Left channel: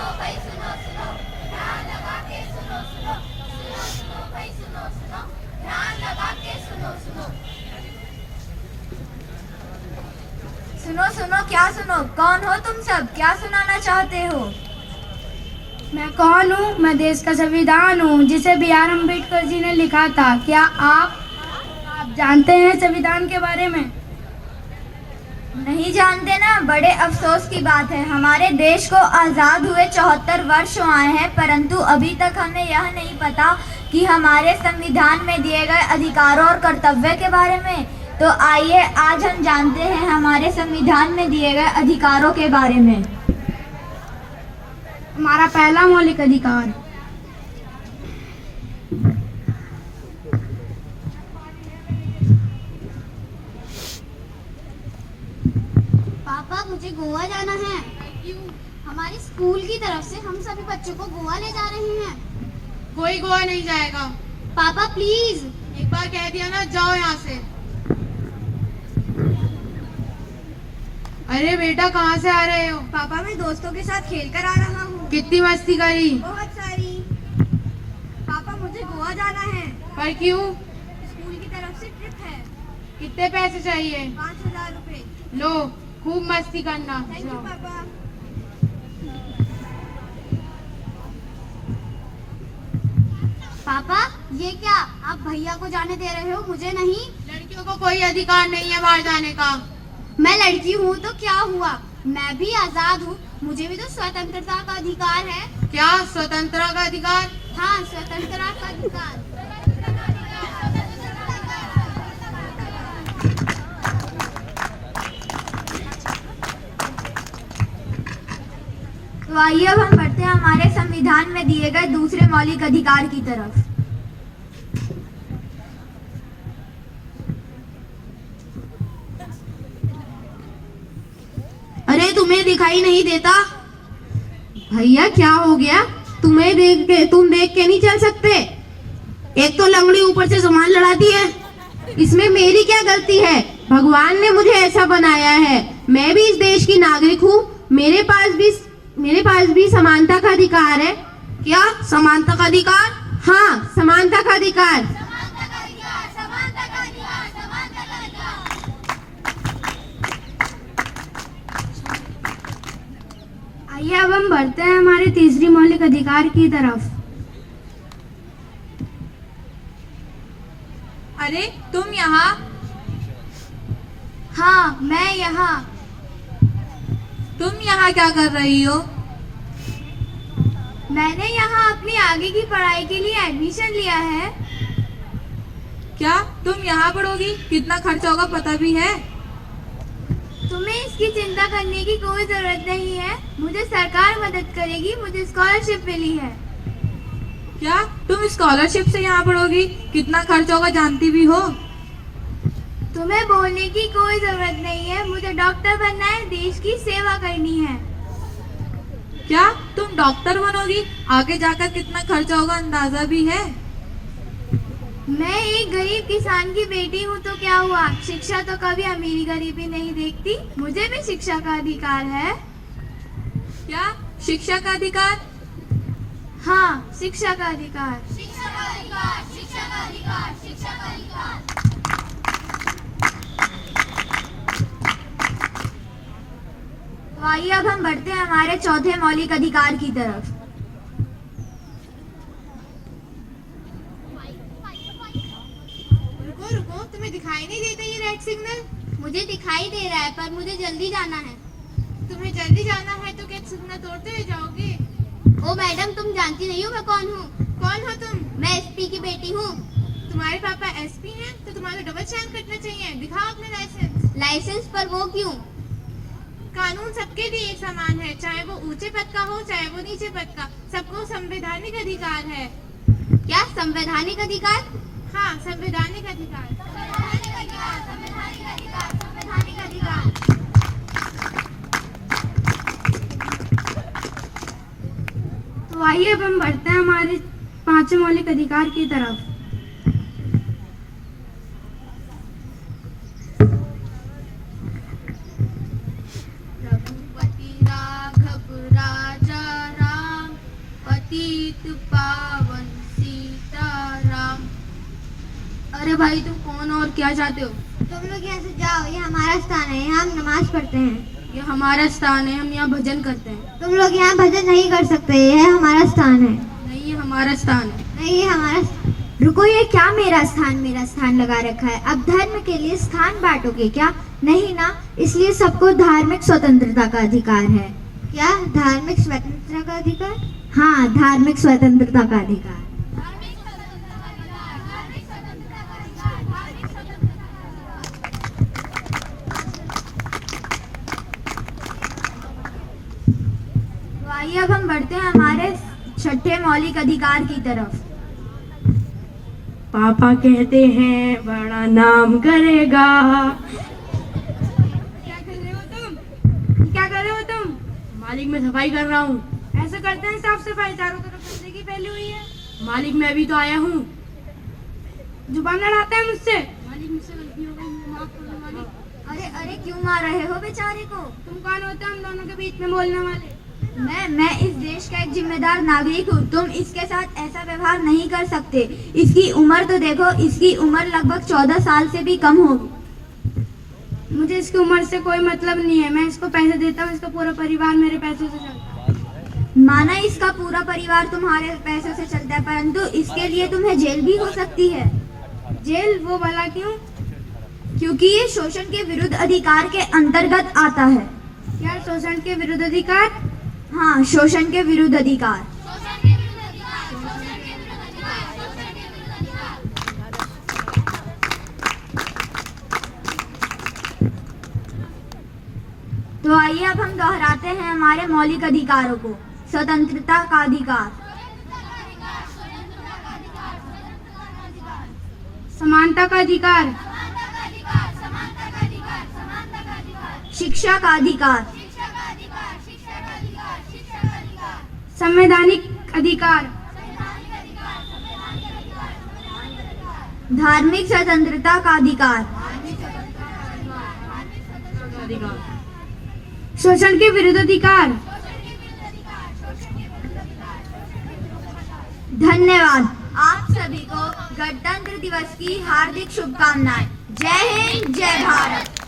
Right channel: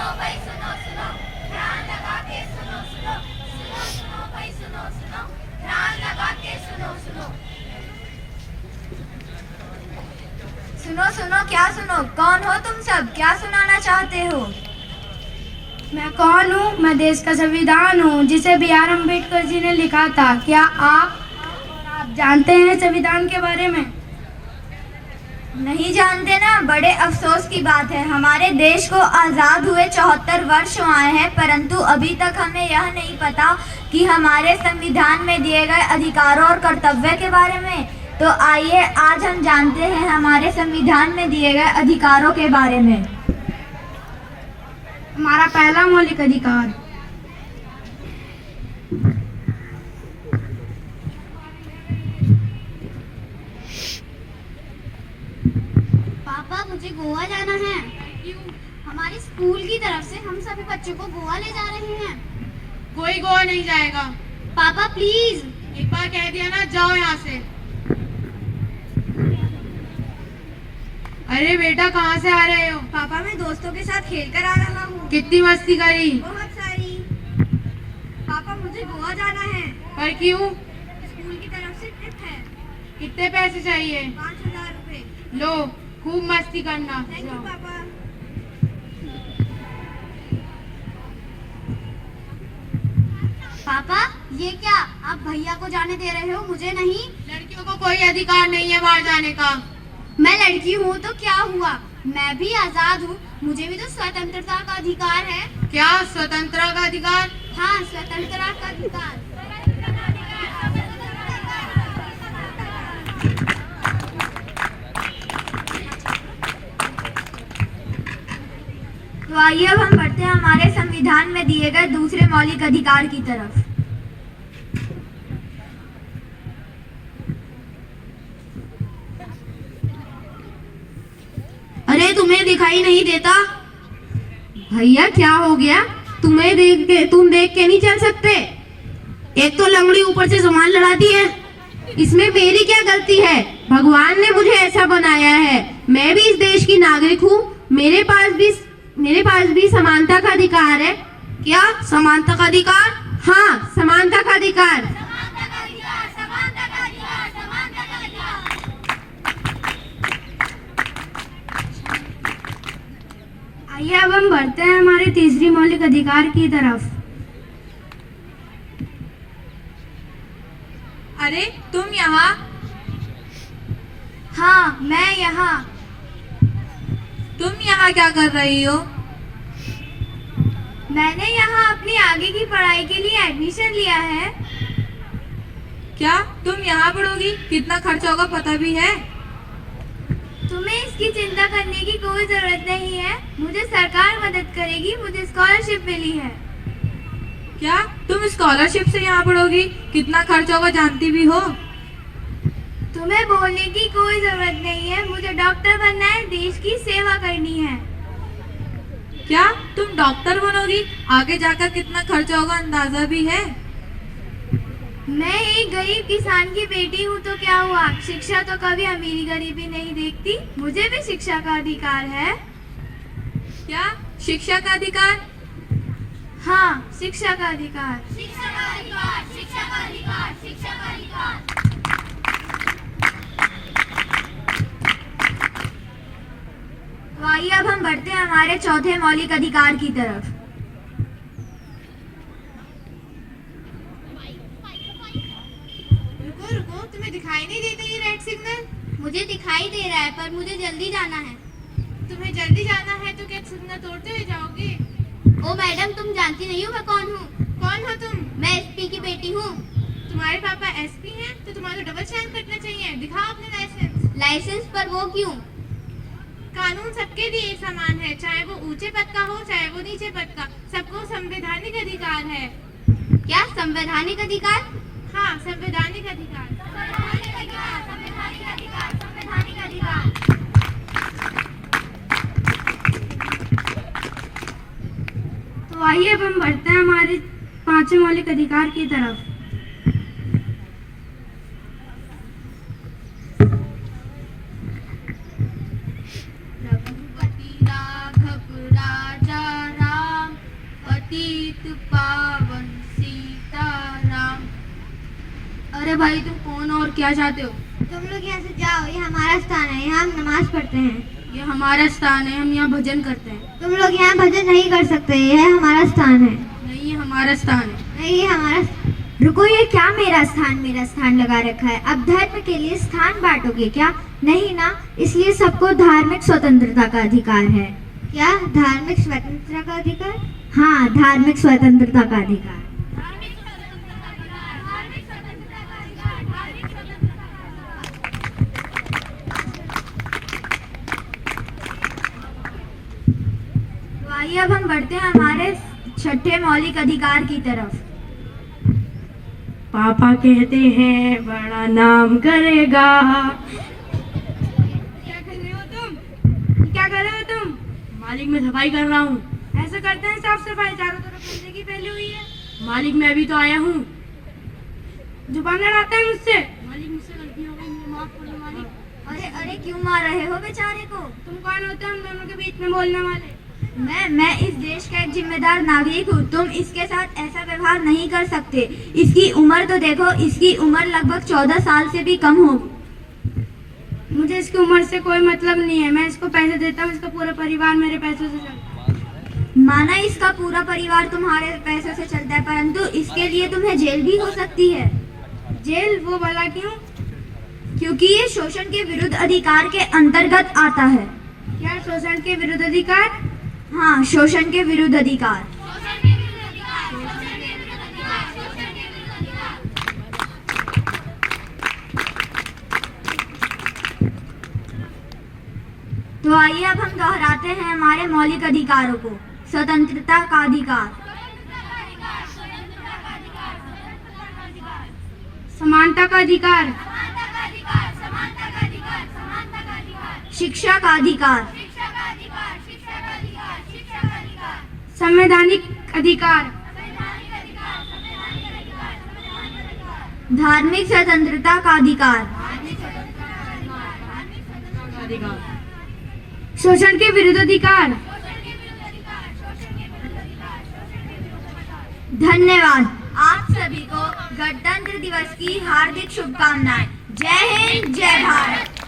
भाई सुनो सुनो, ध्यान लगा के सुनो सुनो, सुनो सुनो भाई सुनो सुनो, ध्यान लगा के सुनो सुनो। सुनो सुनो क्या सुनो, कौन हो तुम सब, क्या सुनाना चाहते हो? मैं कौन हूँ? मैं देश का संविधान हूँ जिसे B.R. अम्बेडकर जी ने लिखा था। क्या आप जानते हैं संविधान के बारे में? नहीं जानते ना, बड़े अफसोस की बात है। हमारे देश को आज़ाद हुए 74 वर्ष आए हैं, परंतु अभी तक हमें यह नहीं पता कि हमारे संविधान में दिए गए अधिकारों और कर्तव्य के बारे में। तो आइए आज हम जानते हैं हमारे संविधान में दिए गए अधिकारों के बारे में। हमारा पहला मौलिक अधिकार मुझे गोवा जाना है। क्यों? हमारी स्कूल की तरफ से हम सभी बच्चों को गोवा ले जा रहे हैं। कोई गोवा नहीं जाएगा। पापा प्लीज। एक बार कह दिया ना, जाओ यहाँ से। अरे बेटा कहाँ से आ रहे हो? पापा मैं दोस्तों के साथ खेल कर आ रहा हूँ। कितनी मस्ती करी? बहुत सारी। पापा मुझे गोवा जाना है। पर क्यों? स्कूल की तरफ से ट्रिप है। कितने पैसे चाहिए? 5000 रुपए। लो, खूब मस्ती करना। थैंक यू पापा। पापा ये क्या, आप भैया को जाने दे रहे हो, मुझे नहीं? लड़कियों को कोई अधिकार नहीं है बाहर जाने का। मैं लड़की हूँ तो क्या हुआ, मैं भी आजाद हूँ, मुझे भी तो स्वतंत्रता का अधिकार है। क्या स्वतंत्रता का अधिकार? हाँ, स्वतंत्रता का अधिकार। तो आइए अब हम बढ़ते हैं हमारे संविधान में दिए गए दूसरे मौलिक अधिकार की तरफ। अरे तुम्हें दिखाई नहीं देता? भैया क्या हो गया? तुम देख के नहीं चल सकते? एक तो लंगड़ी ऊपर से सामान लड़ाती है, इसमें मेरी क्या गलती है? भगवान ने मुझे ऐसा बनाया है, मैं भी इस देश की नागरिक हूँ, मेरे पास भी समानता का अधिकार है। क्या समानता का अधिकार? हाँ, समानता का अधिकार। आइए अब हम बढ़ते हैं हमारे तीसरी मौलिक अधिकार की तरफ। अरे तुम यहाँ? हाँ मैं यहाँ। तुम यहाँ क्या कर रही हो? मैंने यहाँ अपनी आगे की पढ़ाई के लिए एडमिशन लिया है। क्या तुम यहाँ पढ़ोगी? कितना खर्चा होगा पता भी है? तुम्हें इसकी चिंता करने की कोई जरूरत नहीं है, मुझे सरकार मदद करेगी, मुझे स्कॉलरशिप मिली है। क्या तुम स्कॉलरशिप से यहाँ पढ़ोगी? कितना खर्चा होगा जानती भी हो? तुम्हें बोलने की कोई जरूरत नहीं है, मुझे डॉक्टर बनना है, देश की सेवा करनी है। क्या तुम डॉक्टर बनोगी? आगे जाकर कितना खर्चा होगा अंदाजा भी है? मैं एक गरीब किसान की बेटी हूँ तो क्या हुआ, शिक्षा तो कभी अमीरी गरीबी नहीं देखती, मुझे भी शिक्षा का अधिकार है। क्या शिक्षा का अधिकार? हाँ, शिक्षा का अधिकार। शिक्षा का अधिकार, शिक्षा का अधिकार, शिक्षा का अधिकार। तो आइए अब हम बढ़ते हैं हमारे चौथे मौलिक अधिकार की तरफ। रुको, तुम्हें दिखाई नहीं देता ये रेड सिग्नल? मुझे दिखाई दे रहा है पर मुझे जल्दी जाना है। तुम्हें जल्दी जाना है तो क्या सिग्नल तोड़ते हुए जाओगे? ओ मैडम, तुम जानती नहीं हो मैं कौन हूँ? कौन हो तुम? मैं एसपी की बेटी हूँ। तुम्हारे पापा एसपी हैं तो तुम्हारा डबल चेक कटना चाहिए। दिखाओ अपने लाइसेंस। लाइसेंस पर वो क्यों? कानून सबके लिए समान है, चाहे वो ऊंचे पद का हो चाहे वो नीचे पद का, सबको संवैधानिक अधिकार है। क्या संवैधानिक अधिकार? हाँ, संवैधानिक अधिकार। तो आइए अब हम बढ़ते हैं हमारे पांचवें मौलिक अधिकार की तरफ। रघुपति राघव राजा राम। भाई तुम कौन और क्या चाहते हो? तुम लोग यहाँ से जाओ, ये हमारा स्थान है, यहाँ हम नमाज पढ़ते हैं। ये हमारा स्थान है, हम यहाँ भजन करते हैं। तुम लोग यहाँ भजन नहीं कर सकते, यह हमारा स्थान है। नहीं, ये हमारा स्थान है। नहीं, ये हमारा। रुको, ये क्या मेरा स्थान लगा रखा है? अब धर्म के लिए स्थान बांटोगे क्या? नहीं ना, इसलिए सबको धार्मिक स्वतंत्रता का अधिकार है। क्या धार्मिक स्वतंत्रता का अधिकार? हाँ, धार्मिक स्वतंत्रता का अधिकार। तो आइए अब हम बढ़ते हैं हमारे छठे मौलिक अधिकार की तरफ। पापा कहते हैं बड़ा नाम करेगा। क्या कर रहे हो तुम? क्या कर रहे हो तुम? मालिक, मैं सफाई कर रहा हूँ। ऐसा करते हैं साफ सफाई, चारों तरफ गंदगी फैली हुई है। मालिक, मैं अभी तो आया हूँ। जुबान लड़ाते हैं मुझसे। मालिक, मुझसे गलती हो गई, मुझे माफ कर दो मालिक। अरे अरे, क्यों मार रहे हो बेचारे को? तुम कौन होते हो हम दोनों के बीच में बोलने वाले? मैं इस देश का एक जिम्मेदार नागरिक हूँ। तुम इसके साथ ऐसा व्यवहार नहीं कर सकते। इसकी उम्र तो देखो, इसकी उम्र लगभग 14 साल से भी कम होगी। मुझे इसकी उम्र से कोई मतलब नहीं है। मैं इसको पैसे देता हूँ, इसका पूरा परिवार मेरे पैसों से चलता है। माना इसका पूरा परिवार तुम्हारे पैसों से चलता है, परंतु इसके लिए तुम्हें जेल भी हो सकती है। जेल? वो भला क्यों? क्योंकि ये शोषण के विरुद्ध अधिकार के अंतर्गत आता है। क्या शोषण के विरुद्ध अधिकार? हाँ, शोषण के विरुद्ध अधिकार। तो आइए अब हम दोहराते हैं हमारे मौलिक अधिकारों को। स्वतंत्रता का अधिकार, समानता का अधिकार, शिक्षा का अधिकार, संवैधानिक अधिकार, धार्मिक स्वतंत्रता का अधिकार, शोषण के विरुद्ध अधिकार। धन्यवाद। आप सभी को गणतंत्र दिवस की हार्दिक शुभकामनाएं। जय हिंद, जय भारत।